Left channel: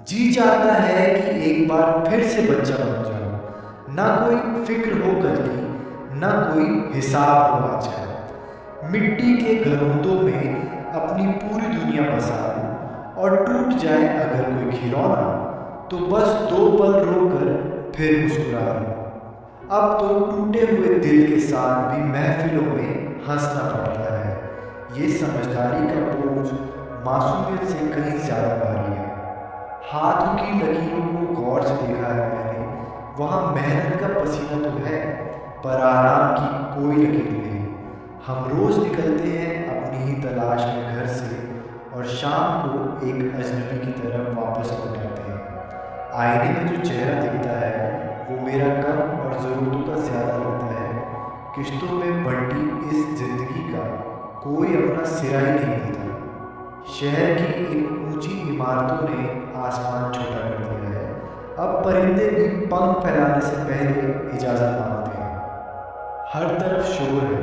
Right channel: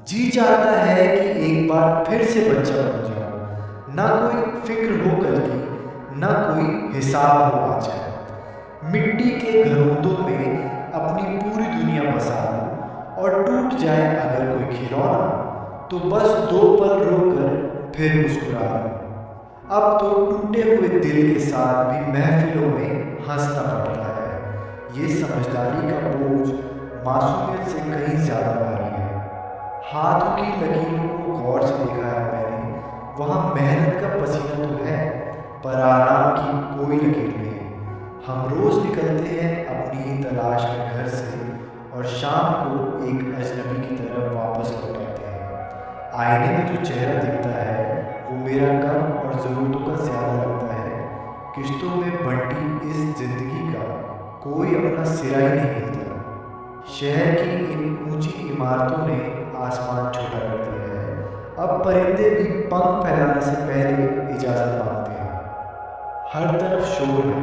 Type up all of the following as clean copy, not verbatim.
जी चाहता है कि एक बार फिर से बच्चा बन जाऊं, ना कोई फिक्र हो कल की, ना कोई हिसाब हो आज का। मिट्टी के घरौंदों में अपनी पूरी दुनिया बसा लूं और टूट जाए अगर कोई खिलौना, तो बस 2 पल रोकर फिर मुस्कुरा लूं। अब तो टूटे हुए दिल के साथ भी महफिलों में हंसना पड़ता है। ये समझदारी का बोझ मासूमियत से कहीं ज़्यादा भारी है। हाथों की लकीरों को गौर से देखा है मैंने, वहाँ मेहनत का पसीना तो है, पर आराम की कोई लकीर नहीं। हम रोज़ निकलते हैं अपनी ही तलाश में घर से, और शाम को एक अजनबी की तरफ वापस लौट आते हैं। आईने में जो चेहरा दिखता है वो मेरा कम और ज़रूरतों का ज़्यादा लगता है। किश्तों में बंटी इस ज़िंदगी का कोई अपना सिरा ही नहीं मिलता। शहर की इन ऊंची इमारतों ने आसमान छोटा कर दिया है। अब परिंदे भी पंख फैलाने से पहले इजाज़त मांगते हैं। हर तरफ शोर है,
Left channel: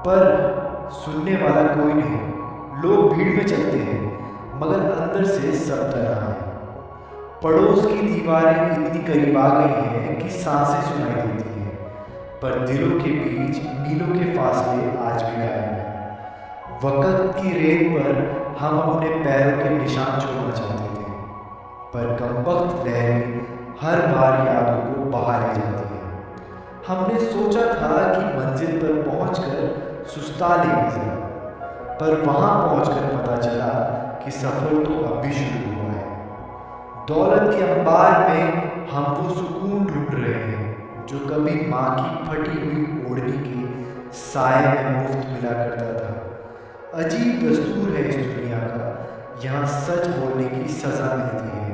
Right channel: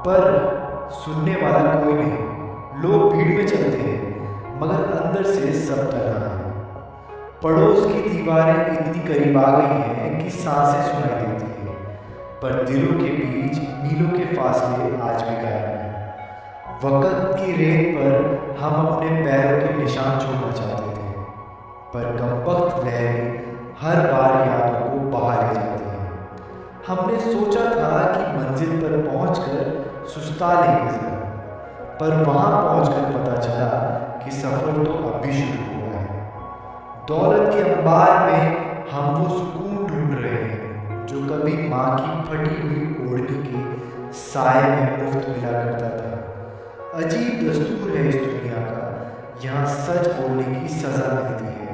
पर सुनने वाला कोई नहीं। लोग भीड़ में चलते हैं, मगर अंदर से सब तन्हा है। पड़ोस की दीवारें इतनी करीब आ गई हैं कि सांसें सुनाई देती हैं, पर दिलों के बीच मीलों के फासले आज भी गायब हैं। वक़्त की रेत पर हम अपने पैरों के निशान छोड़ना चाहते थे, पर कमबख्त लहरें हर बार यादों को बहा ले जाती हैं। हमने सोचा था कि मंजिल पर पहुंचकर सुस्ता लेंगे ज़रा, पर वहां पहुंचकर पता चला कि सफ़र तो अब भी शुरू हुआ है। दौलत के अंबार में हम वो सुकून ढूंढ रहे हैं जो कभी माँ की फटी हुई ओढ़नी के साए में मुफ्त मिला करता था। अजीब दस्तूर है इस दुनिया का, यहाँ सच बोलने की सज़ा मिलती है,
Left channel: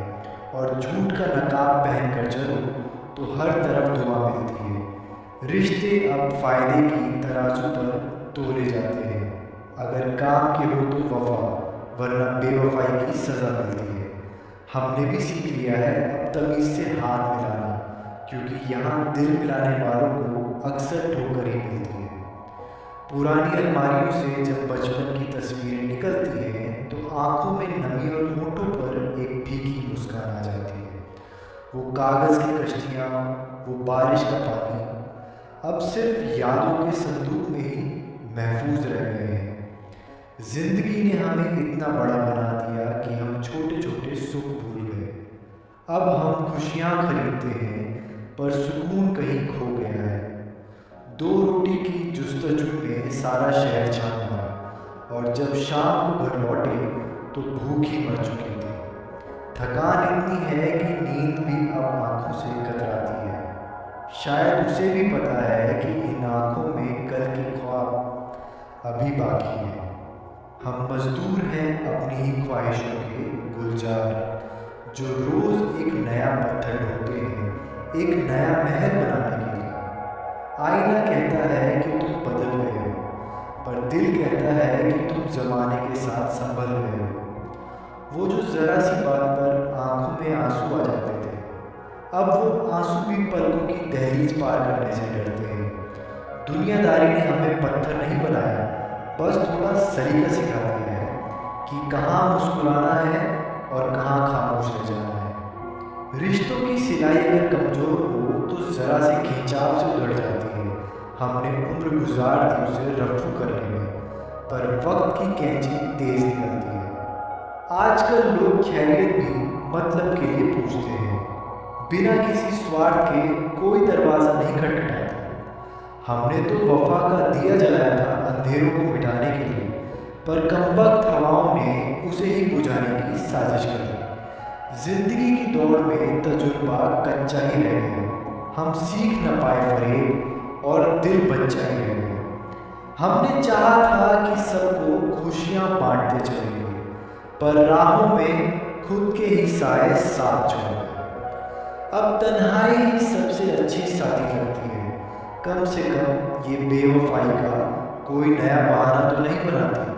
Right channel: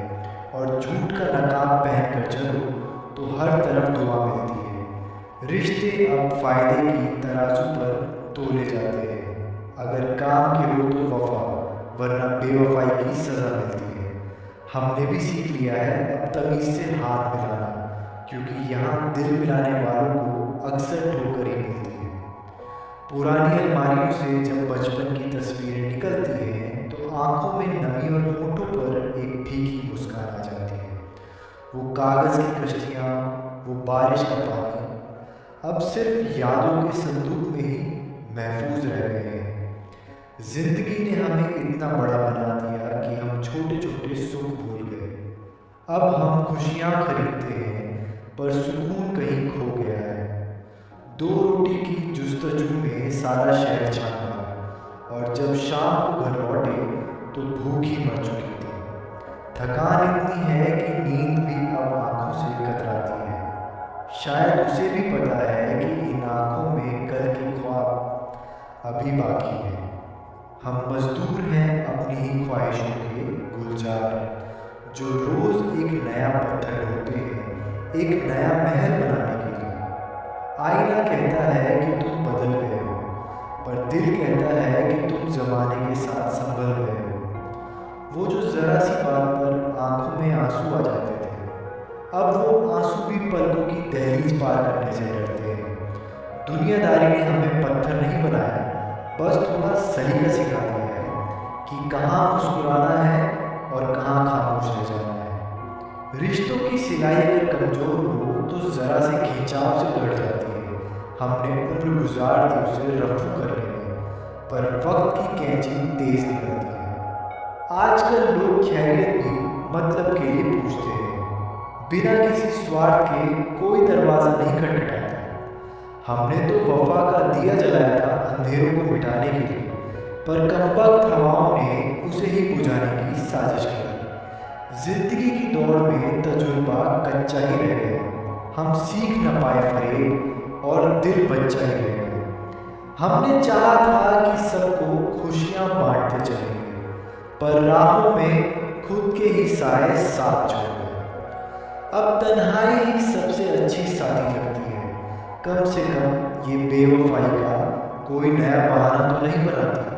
और झूठ का नकाब पहन कर चलो तो हर तरफ दुआ मिलती है। रिश्ते अब फ़ायदे की तराजू पर तोले जाते हैं। अगर काम के हो तो वफ़ा, वरना बेवफाई की सज़ा मिलती है। हमने भी सीख लिया है अब तमीज़ से हाथ मिलाना, क्योंकि यहाँ दिल मिलाने वालों को अक्सर ठोकर ही मिलती है। पुरानी अलमारियों से जब बचपन की तस्वीरें निकलती हैं तो आंखों में नमी और होठों पर एक फीकी मुस्कान आ जाती है। वो कागज़ की कश्तियाँ, वो बारिश का पानी, अब सिर्फ यादों के संदूक में ही महफूज रह गए हैं। जिंदगी ने हमें इतना बड़ा बना दिया कि हम छोटे छोटे सुख भूल गए। अब हम खुशियाँ खरीदते हैं, पर सुकून कहीं खो गया है। 2 रोटी की जुस्तजू में सारा शहर छान मारा, और जब शाम को घर लौटे तो भूख ही मर चुकी थी। थकान इतनी है कि नींद भी अब आंखों से कतराती है। शायद उसे भी पता है कि इन आंखों में कल के ख्वाब अभी बाकी हैं। हम मजदूर हैं अपनी ही ख्वाहिशों के गुलजार, जो रोज़ एक नया पत्थर ढोते हैं, एक नया महल बनाने के लिए। आईना कहता है कि तुम बदल गए हो, पर दिल कहता है कि तुम ज़माने के साथ संभल गए हो। वो जो ज़रा सी बात पर आंखों में आंसू आ जाते थे, अब वो आंसू भी पलकों की दहलीज पार करने से डरते हैं। दुनियादारी ने हमें पत्थर नहीं बनाया, बस थोड़ा सलीका सिखा दिया है कि कहाँ मुस्कुराना है और कहाँ खामोश रह जाना है। रिश्तों की सिलाई अगर कमज़ोर हो तो ज़रा से खिंचाव से उधड़ जाती है। हमने उम्र गुजार दी उसे रफू करने में, पर वक्त की कैंची तेज़ निकलती है। आजकल लोग खैरियत भी मतलब के लिए पूछते हैं, बिना किसी स्वार्थ के कोई दरवाज़ा नहीं खटखटाता। हमने तो वफा का दिया जलाया था अंधेरों को मिटाने के लिए, पर कमबख्त हवाओं ने उसे ही बुझाने की साजिश कर ली। जिंदगी की दौड़ में तजुर्बा कच्चा ही रह गया, हम सीख न पाए फरेब, और दिल बच्चा ही रह गया। हमने चाहा था कि सबको खुशियाँ बांटते चलेंगे, पर राहों में खुद के ही साए साथ छोड़ गए। अब तन्हाई ही सबसे अच्छी साथी लगती है, कम से कम ये बेवफाई का कोई नया बहाना तो नहीं बनाती।